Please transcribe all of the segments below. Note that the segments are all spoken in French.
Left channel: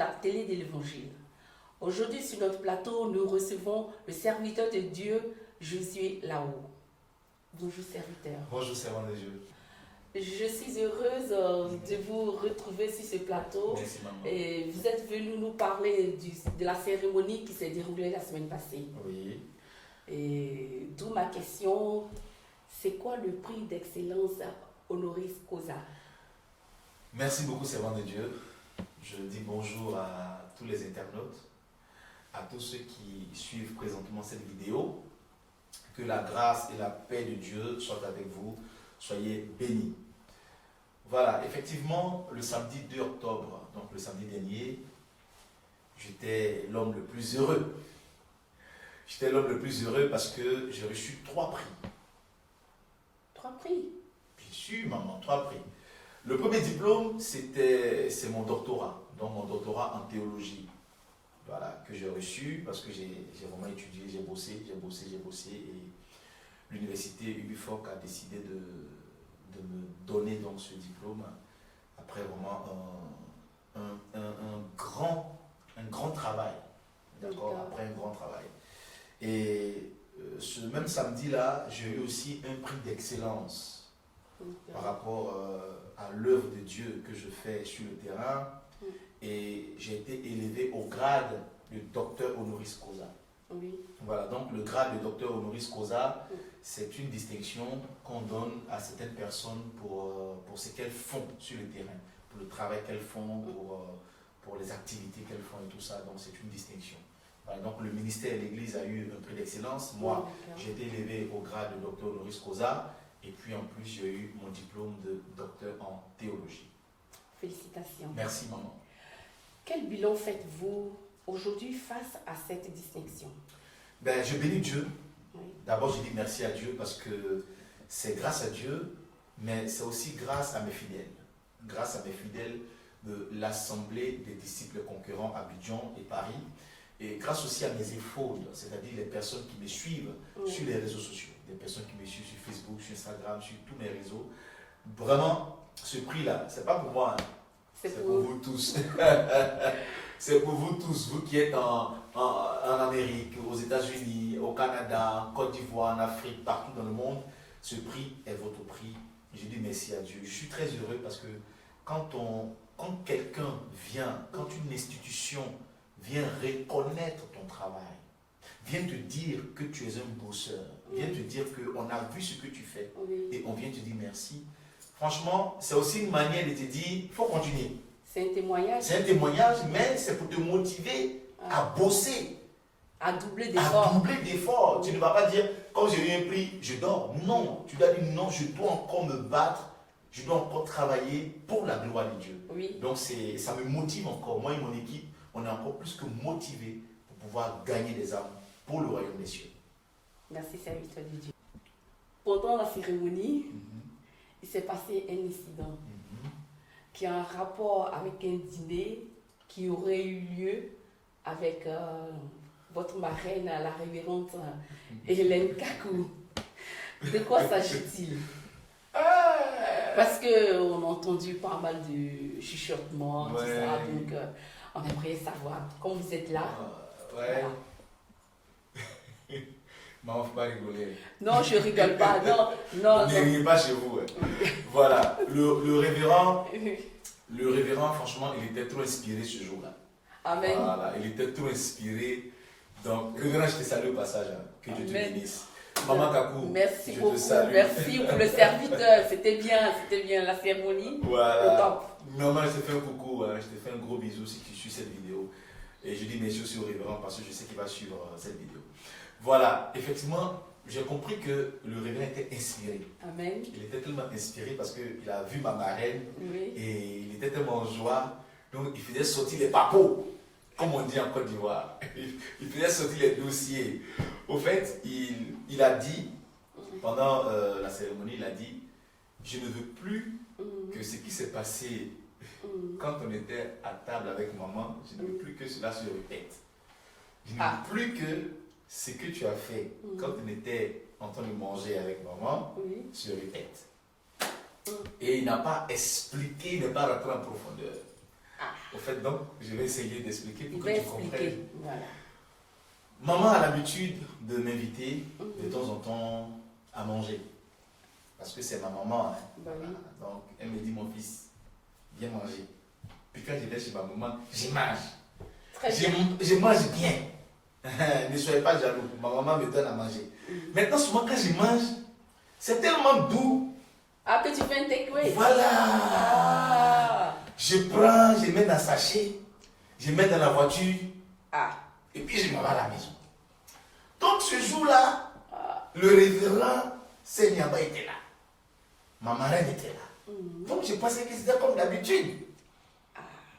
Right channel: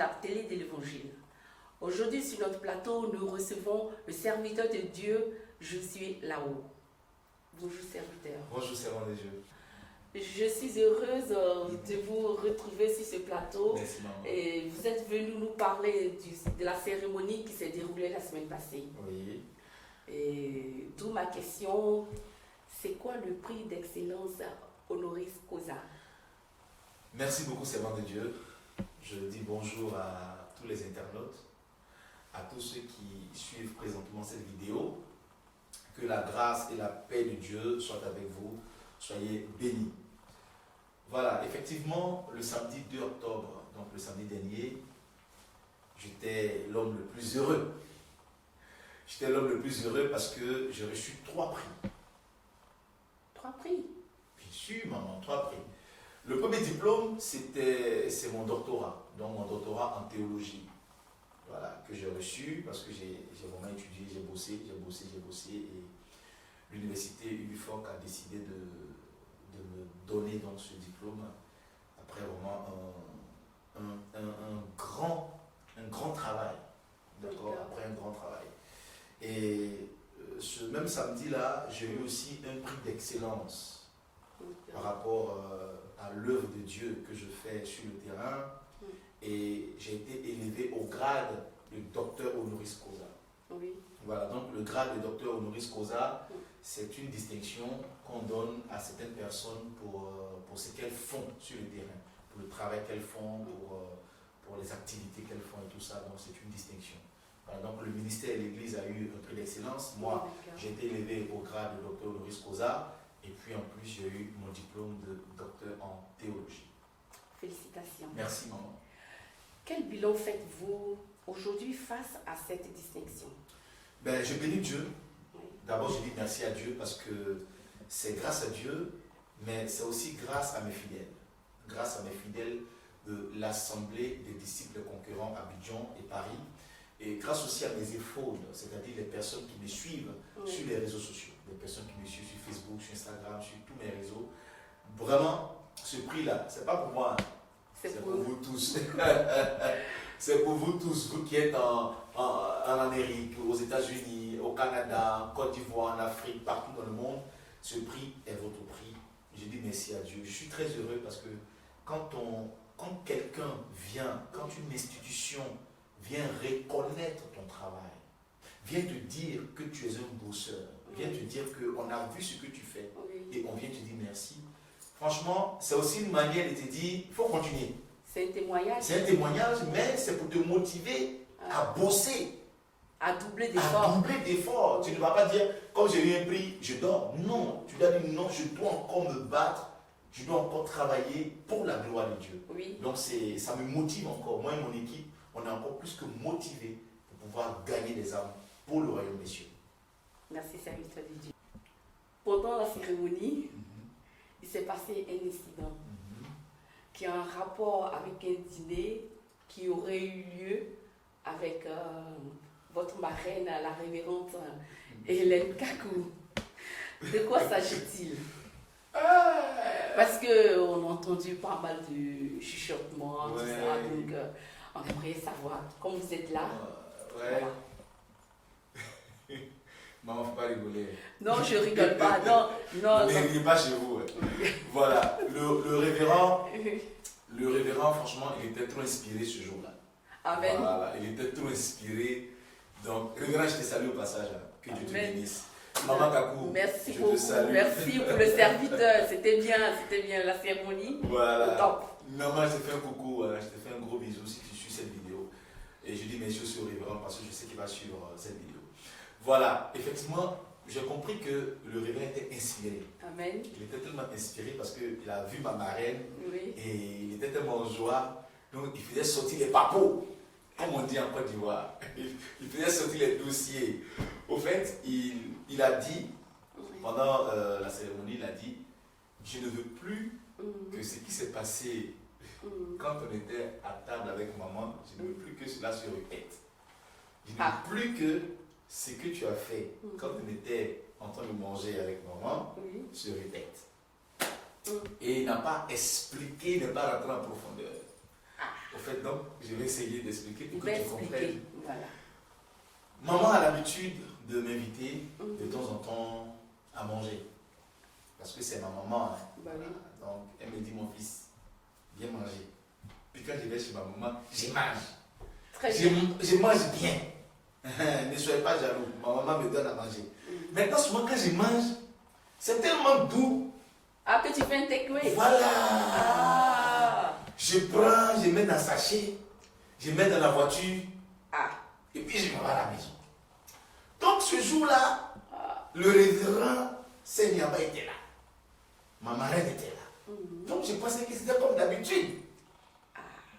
la télé de l'Évangile. Aujourd'hui, sur notre plateau, nous recevons le serviteur de Dieu, Josué Lao. Bonjour, serviteur. Bonjour, servant de Dieu. Je suis heureuse de vous retrouver sur ce plateau. Merci, maman. Et vous êtes venu nous parler de la cérémonie qui s'est déroulée la semaine passée. Oui. Et d'où ma question, c'est quoi le prix d'excellence honoris causa? Merci beaucoup, servant de Dieu. Je dis bonjour à tous les internautes, à tous ceux qui suivent présentement cette vidéo. Que la grâce et la paix de Dieu soient avec vous. Soyez bénis. Voilà, effectivement, le samedi 2 octobre, donc le samedi dernier, j'étais l'homme le plus heureux. J'étais l'homme le plus heureux parce que j'ai reçu 3 prix. 3 prix? Bien sûr, maman, 3 prix. Le premier diplôme, c'est mon doctorat, donc mon doctorat en théologie. Voilà, que j'ai reçu parce que j'ai vraiment étudié, j'ai bossé et l'université UFOC a décidé de me donner donc ce diplôme après vraiment un grand travail. D'accord, après un grand travail. Et ce même samedi-là, j'ai eu aussi un prix d'excellence par rapport à l'œuvre de Dieu que je fais sur le terrain. Et j'ai été élevé au grade de docteur honoris causa. Oui. Voilà, donc le grade de docteur honoris causa, c'est une distinction qu'on donne à certaines personnes pour ce qu'elles font sur le terrain, pour le travail qu'elles font, pour les activités qu'elles font et tout ça. Donc c'est une distinction. Voilà, donc le ministère et l'Église a eu un prix d'excellence. Moi, j'ai été élevé au grade de docteur honoris causa. Et puis en plus, j'ai eu mon diplôme de docteur en théologie. Félicitations. Merci, maman. Quel bilan faites-vous aujourd'hui face à cette distinction? Ben, je bénis Dieu. Oui. D'abord, je dis merci à Dieu parce que c'est grâce à Dieu, mais c'est aussi grâce à mes fidèles. Grâce à mes fidèles de l'Assemblée des disciples concurrents à Abidjan et Paris. Et grâce aussi à mes épaules, c'est-à-dire les personnes qui me suivent sur les réseaux sociaux. Les personnes qui me suivent sur Facebook, sur Instagram, sur tous mes réseaux. Vraiment, ce prix-là, c'est pas pour moi. Hein. C'est pour vous tous. C'est pour vous tous, vous qui êtes en Amérique, aux États-Unis, au Canada, en Côte d'Ivoire, en Afrique, partout dans le monde. Ce prix est votre prix. Je dis merci à Dieu. Je suis très heureux parce que quand quelqu'un vient, quand une institution vient reconnaître ton travail, vient te dire que tu es un bosseur, vient te dire qu'on a vu ce que tu fais et on vient te dire merci. Franchement, c'est aussi une manière de te dire, il faut continuer. C'est un témoignage. C'est un témoignage, mais c'est pour te motiver à bosser. À doubler d'efforts. À doubler d'efforts. Tu ne vas pas dire, quand j'ai eu un prix, je dors. Non, tu dois dire non, je dois encore me battre, je dois encore travailler pour la gloire de Dieu. Oui. Donc ça me motive encore. Moi et mon équipe, on est encore plus que motivés pour pouvoir gagner des âmes pour le royaume des cieux. Merci, serviteur de Dieu. Pendant la cérémonie, il s'est passé un incident qui a un rapport avec un dîner qui aurait eu lieu avec votre marraine, la révérende Hélène Kakou. De quoi s'agit-il? Parce qu'on a entendu pas mal de chuchotements, tout ça, donc on aimerait savoir. Quand vous êtes là. Maman, faut pas rigoler. Non, je rigole pas. Non. Ne riez pas chez vous. Voilà. Le révérend, franchement, il était trop inspiré ce jour-là. Amen. Voilà, il était trop inspiré. Donc, révérend, je te salue au passage. Hein. Que Dieu te bénisse. Maman Kakou, merci je beaucoup. te salue. Merci pour le serviteur. C'était bien la cérémonie. Voilà. Maman, je te fais un coucou. Hein. Je te fais un gros bisou si tu suis cette vidéo. Et je dis merci aussi au révérend parce que je sais qu'il va suivre cette vidéo. Voilà, effectivement, j'ai compris que le révérend était inspiré. Amen. Il était tellement inspiré parce qu'il a vu ma marraine et il était tellement en joie. Donc, il faisait sortir les papos, comme on dit en Côte d'Ivoire. Il faisait sortir les dossiers. Au fait, il a dit, pendant la cérémonie, il a dit, je ne veux plus que ce qui s'est passé quand on était à table avec maman, je ne veux plus que cela se répète. Je ne veux plus que ce que tu as fait quand on était en train de manger avec maman se répète. Et il n'a pas expliqué, il n'a pas rentré en profondeur. Au fait, donc, je vais essayer d'expliquer pour que tu comprennes. Voilà. Maman a l'habitude de m'inviter de temps en temps à manger. Parce que c'est ma maman. Hein. Bah oui. Donc, elle me dit, mon fils, viens manger. Puis quand je vais chez ma maman, je mange. Je mange bien. Ne soyez pas jaloux. Ma maman me donne à manger. Maintenant, souvent, quand je mange, c'est tellement doux. Ah, que tu fais un takeaway. Voilà. Ah. Je prends, je mets dans le sachet, je mets dans la voiture. Ah. Et puis je m'en vais à la maison. Donc ce jour-là, le révérend Seigneur était là. Ma marraine était là. Donc je pensais que c'était comme d'habitude.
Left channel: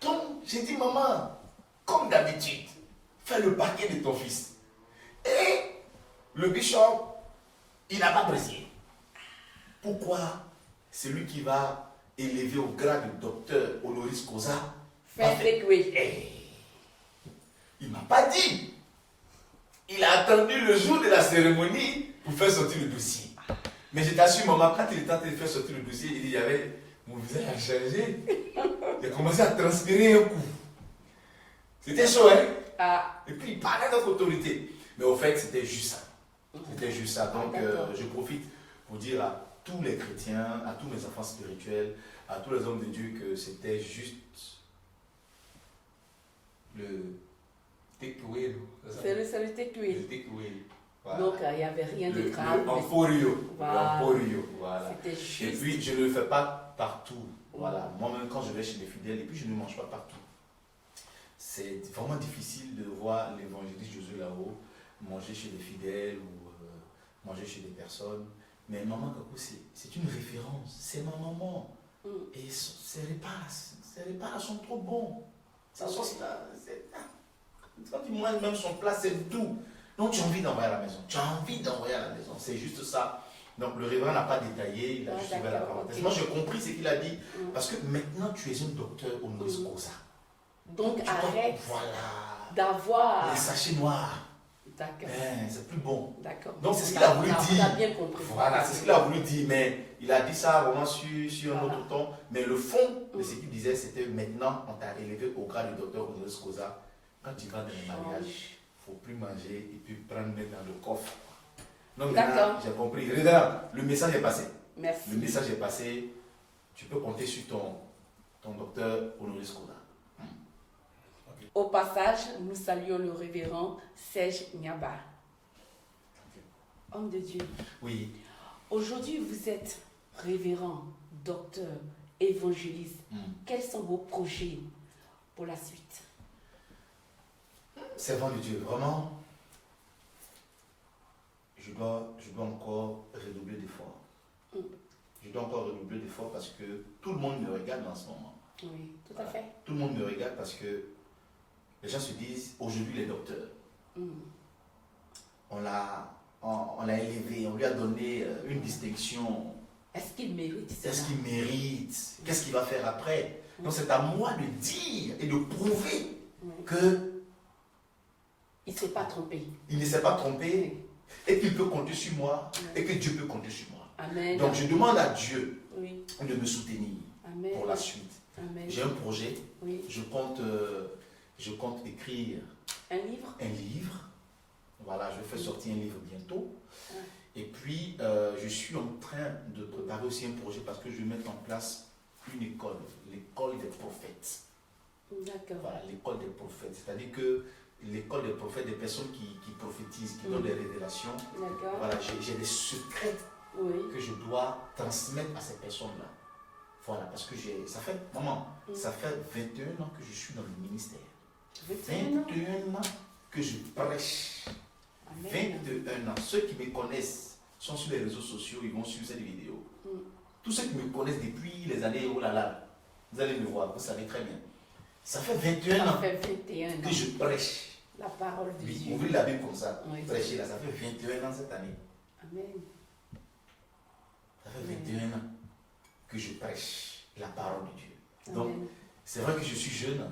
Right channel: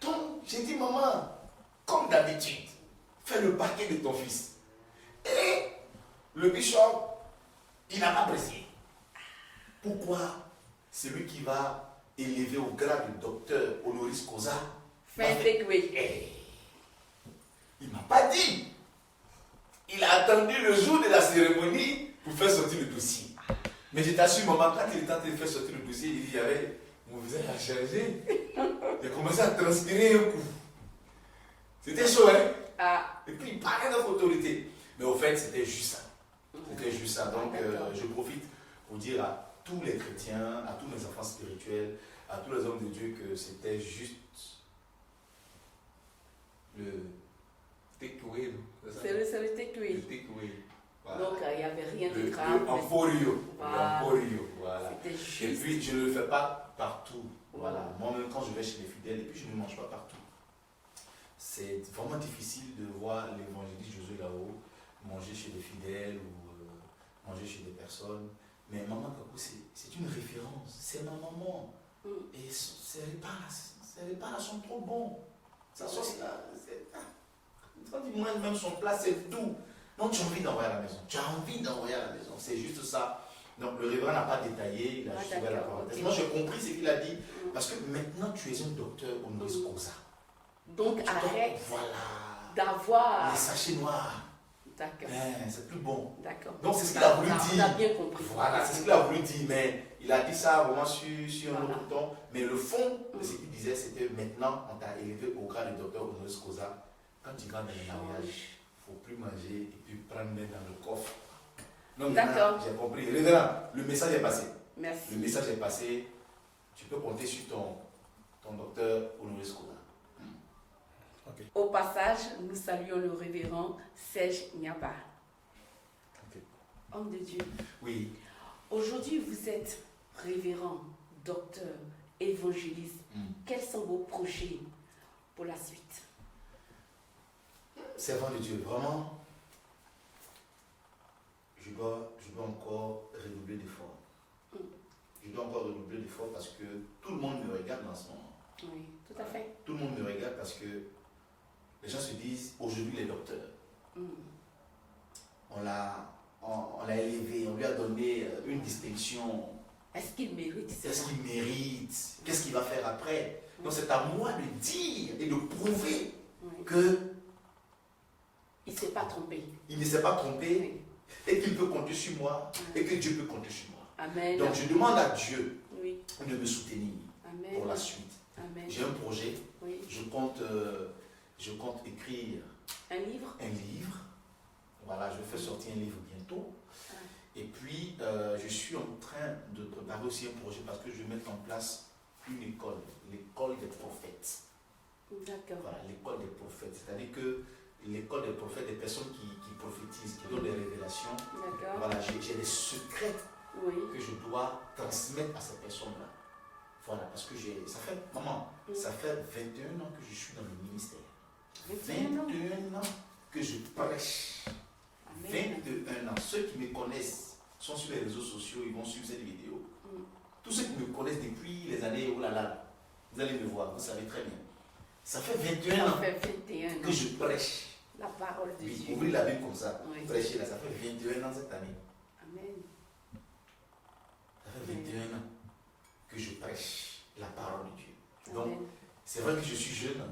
Donc j'ai dit, maman, comme d'habitude, fais le paquet de ton fils. Et le bishop, il n'a pas apprécié. Pourquoi? C'est lui qui va élever au grade de docteur honoris causa. Il ne m'a pas dit. Il a attendu le jour de la cérémonie pour faire sortir le dossier. Mais je t'assure, maman, quand il est tenté de faire sortir le dossier, il dit, j'avais mon visage a changé. Il a commencé à transpirer un coup. C'était chaud, hein? Ah. Et puis il parlait d'autre autorité. Mais au fait, c'était juste ça. C'était juste ça. Donc, je profite pour dire à tous les chrétiens, à tous mes enfants spirituels, à tous les hommes de Dieu que c'était juste le takeaway. C'est le takeaway. Le takeaway. Voilà. Donc, il n'y avait rien de grave. Le emporio. Voilà. Voilà. Et puis, je ne le fais pas partout. Voilà. Moi-même, quand je vais chez les fidèles, et puis je ne mange pas partout. C'est vraiment difficile de voir l'évangéliste Josué là-haut manger chez les fidèles ou manger chez des personnes. Mais maman Kakou, c'est une référence. C'est ma maman. Et ses repas sont trop bons. Sa sauce là, quand il mange même son plat, c'est tout. Donc tu as envie d'envoyer à la maison. Tu as envie d'envoyer à la maison. C'est juste ça. Donc le révérend n'a pas détaillé, il a juste ouvert la parenthèse. Moi j'ai compris ce qu'il a dit. Parce que maintenant tu es un docteur honoris causa. Donc arrête d'avoir les sachets noirs. C'est plus bon. Donc c'est ce qu'il a voulu dire. Voilà, c'est ce qu'il a voulu dire. Mais il a dit ça vraiment sur un autre ton. Mais le fond de ce qu'il disait, c'était maintenant, on t'a élevé au grade de docteur honoris causa. Quand tu vas dans les mariages, il ne faut plus manger et puis prendre dans le coffre. Donc maintenant, j'ai compris. Le message est passé. Merci. Le message est passé. Tu peux compter sur ton docteur honoris causa. Okay. Au passage, nous saluons le révérend Serge Nyaba. Okay. Homme de Dieu. Oui. Aujourd'hui, vous êtes révérend, docteur, évangéliste. Quels sont vos projets pour la suite? Servant de Dieu, vraiment, je dois encore redoubler d'efforts. Je dois encore redoubler d'efforts parce que tout le monde me regarde en ce moment. Oui, tout à fait. Tout le monde me regarde parce que les gens se disent, aujourd'hui les docteurs, on l'a élevé, on lui a donné une distinction. Est-ce qu'il mérite ça? Est-ce qu'il mérite? Qu'est-ce qu'il va faire après? Donc c'est à moi de dire et de prouver que il ne s'est pas trompé. Il ne s'est pas trompé et qu'il peut compter sur moi et que Dieu peut compter sur moi. Amen. Donc je demande à Dieu de me soutenir pour la suite. J'ai un projet. Je compte écrire un livre. Voilà, je vais faire sortir un livre bientôt. Et puis, je suis en train de préparer aussi un projet parce que je vais mettre en place une école, l'école des prophètes. D'accord. Voilà, l'école des prophètes. C'est-à-dire que l'école des prophètes, des personnes qui prophétisent, qui donnent des révélations. Voilà, j'ai des secrets que je dois transmettre à ces personnes-là. Voilà, parce que ça fait 21 ans que je suis dans le ministère. 21 ans que je prêche. 21 ans. Ceux qui me connaissent sont sur les réseaux sociaux, ils vont suivre cette vidéo. Tous ceux qui me connaissent depuis les années, oh là là, vous allez me voir, vous savez très bien. Ça fait 21 ans que je prêche. La parole de Dieu. Ouvrez la Bible comme ça. Prêchez là, ça fait 21 ans cette année. Amen. Ça fait 21 ans que je prêche la parole de Dieu. Donc, c'est vrai que je suis jeune,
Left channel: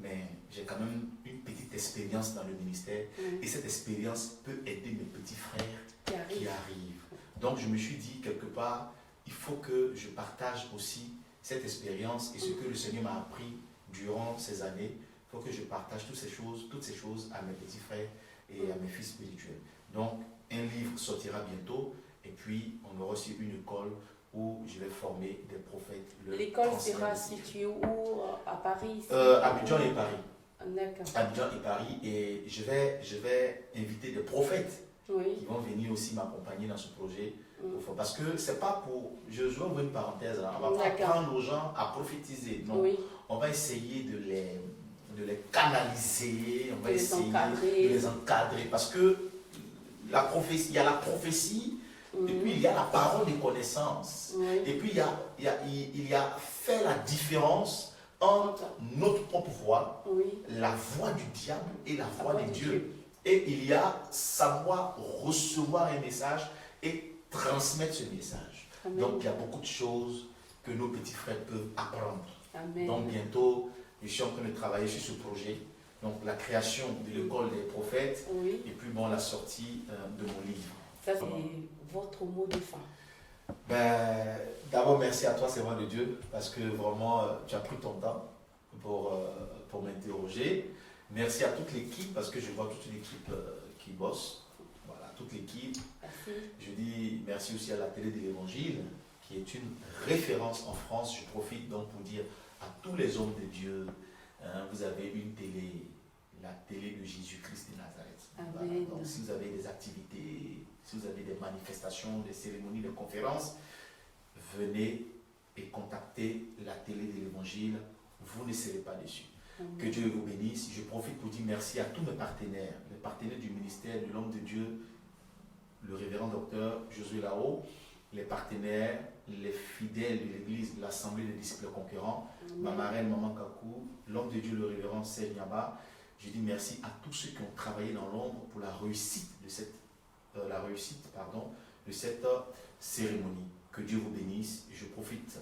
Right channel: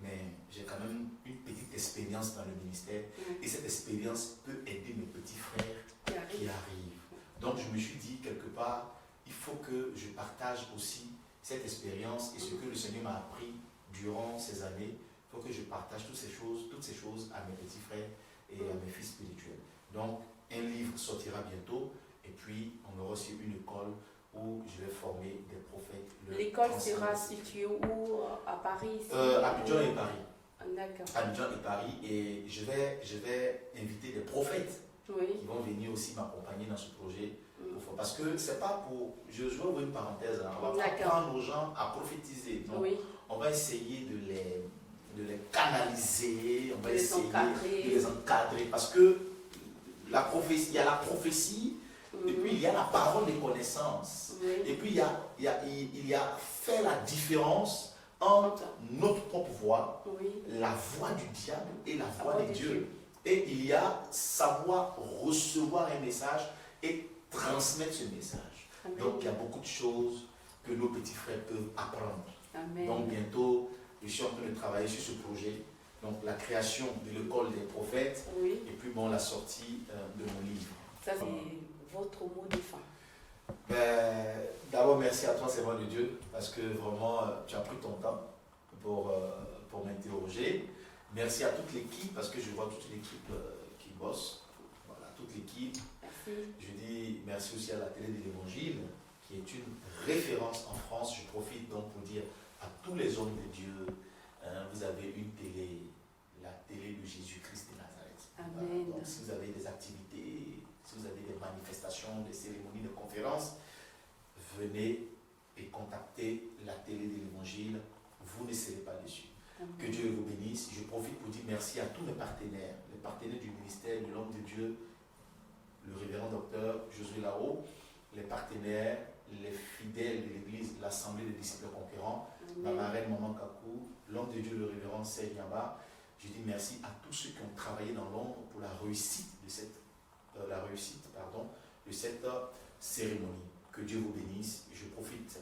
mais j'ai quand même une petite expérience dans le ministère. Et cette expérience peut aider mes petits frères qui arrivent. Donc, je me suis dit, quelque part, il faut que je partage aussi cette expérience et ce que le Seigneur m'a appris durant ces années, il faut que je partage toutes ces choses à mes petits frères et à mes fils spirituels. Donc, un livre sortira bientôt, et puis on aura aussi une école où je vais former des prophètes. L'école sera située où? À Paris? Abidjan et Paris. D'accord. Abidjan et Paris, et je vais inviter des prophètes qui vont venir aussi m'accompagner dans ce projet. Parce que c'est pas pour. Je vais ouvrir une parenthèse, hein, on va pas apprendre aux gens à prophétiser. Non, on va essayer de les canaliser, on va essayer de les encadrer. Parce que la prophétie, il y a la prophétie, et puis il y a la parole des connaissances. Et puis il y a fait la différence entre notre propre voix, la voix du diable et la voix de Dieu. Et il y a savoir recevoir un message et transmettre ce message. Amen. Donc il y a beaucoup de choses que nos petits frères peuvent apprendre. Amen. Donc bientôt, je suis en train de travailler sur ce projet. Donc la création de l'école des prophètes et puis bon, la sortie de mon livre. Ça c'est votre mot de fin. D'abord merci à toi, Seigneur de Dieu, parce que vraiment tu as pris ton temps pour m'interroger. Merci à toute l'équipe, parce que je vois toute l'équipe qui bosse. Voilà, toute l'équipe. Je dis merci aussi à la télé de l'Évangile, qui est une référence en France. Je profite donc pour dire à tous les hommes de Dieu, vous avez une télé, la télé de Jésus-Christ de Nazareth. Voilà. Donc si vous avez des activités, si vous avez des manifestations, des cérémonies, des conférences, venez et contactez la télé de l'Évangile. Vous ne serez pas déçus. Que Dieu vous bénisse. Je profite pour dire merci à tous mes partenaires, les partenaires du ministère de l'homme de Dieu, le révérend docteur Josué Lao, les partenaires, les fidèles de l'église, l'assemblée des disciples conquérants, ma marraine Maman Kakou, l'homme de Dieu, le révérend Seignaba. Je dis merci à tous ceux qui ont travaillé dans l'ombre pour la réussite de cette cérémonie. Que Dieu vous bénisse. Je profite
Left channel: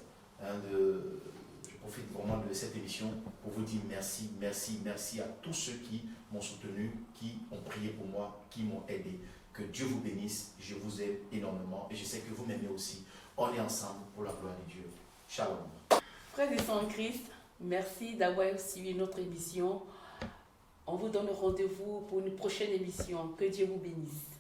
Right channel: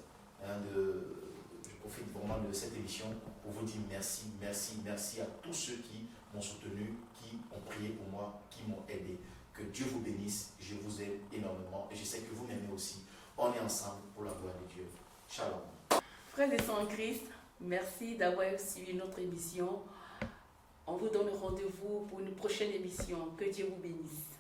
vraiment de cette émission pour vous dire merci à tous ceux qui m'ont soutenu, qui ont prié pour moi, qui m'ont aidé. Que Dieu vous bénisse, je vous aime énormément et je sais que vous m'aimez aussi. On est ensemble pour la gloire de Dieu. Shalom. Frères et sœurs en Christ, merci d'avoir suivi notre émission. On vous donne rendez-vous pour une prochaine émission. Que Dieu vous bénisse.